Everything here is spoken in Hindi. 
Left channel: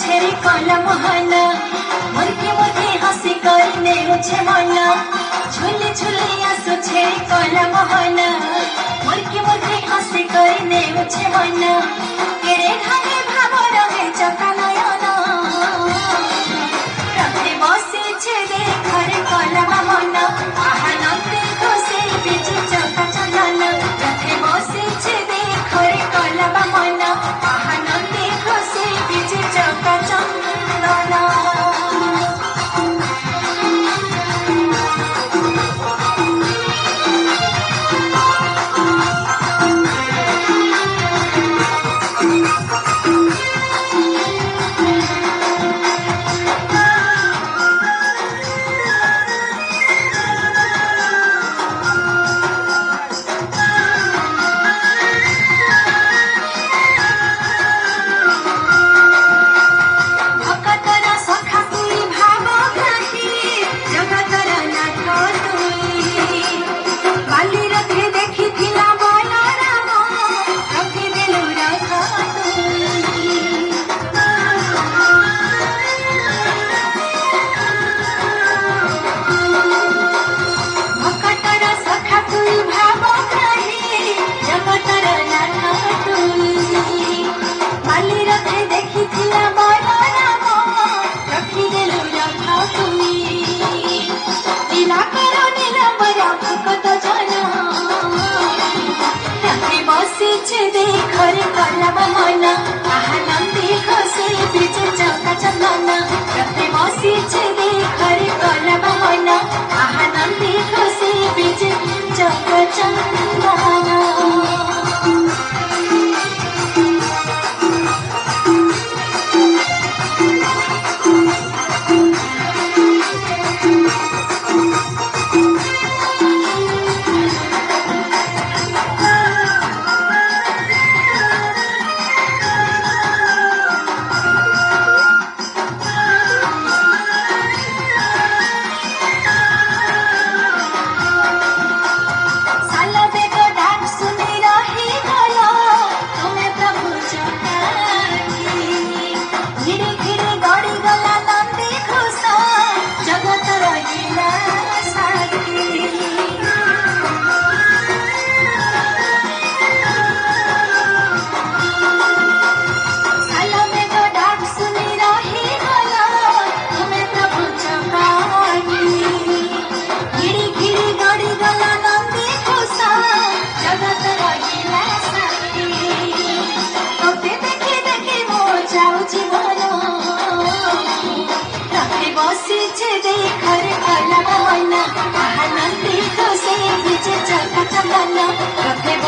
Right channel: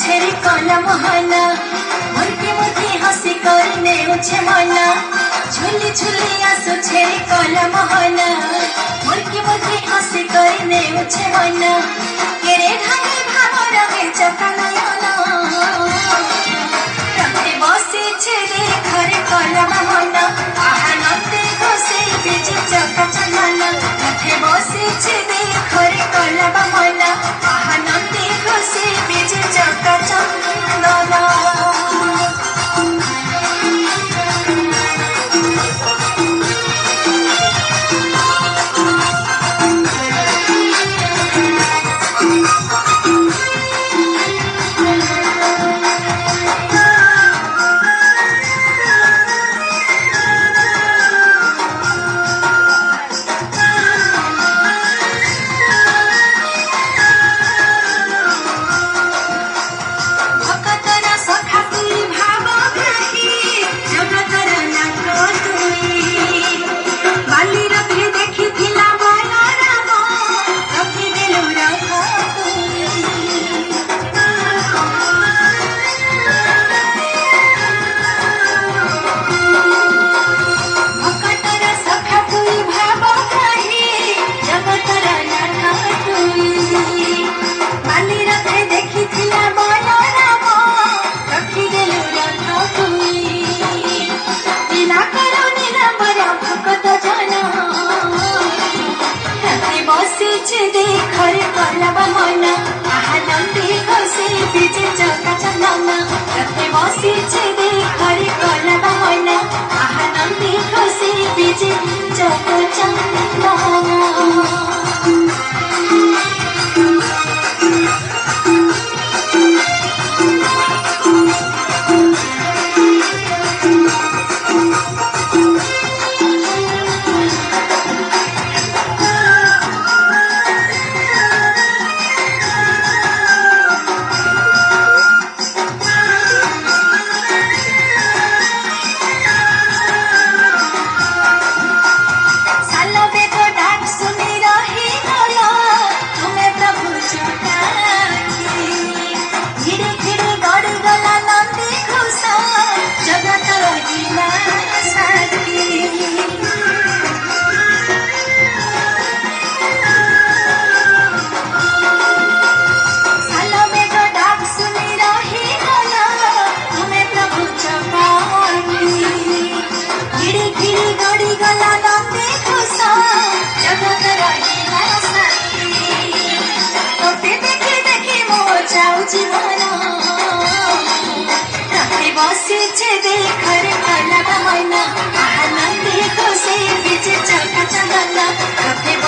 छेरी कला मोहना मुर्गी मुर्गी हंसी करने मुझे मना झूली झूली आसो छेरी कला मोहना मुर्गी मुर्गी हंसी करने मुझे मना केरे ढांगे भावरा में चकनयना रखे बसी छेरी घरे कला मोहना आहानते घसे बीच चका चलाना रखे बसी छेरी घरे कला मोहना आहानते घसे बीच चका चलाना घरे कला बहाना आहानते घसे बीच चका चलाना रखे बसी छेदे घरे कला बहाना आहानते घसे बीच चका चलाना छेदे घरे कला बहाना आहानते घसे बीच चका चलाना रखे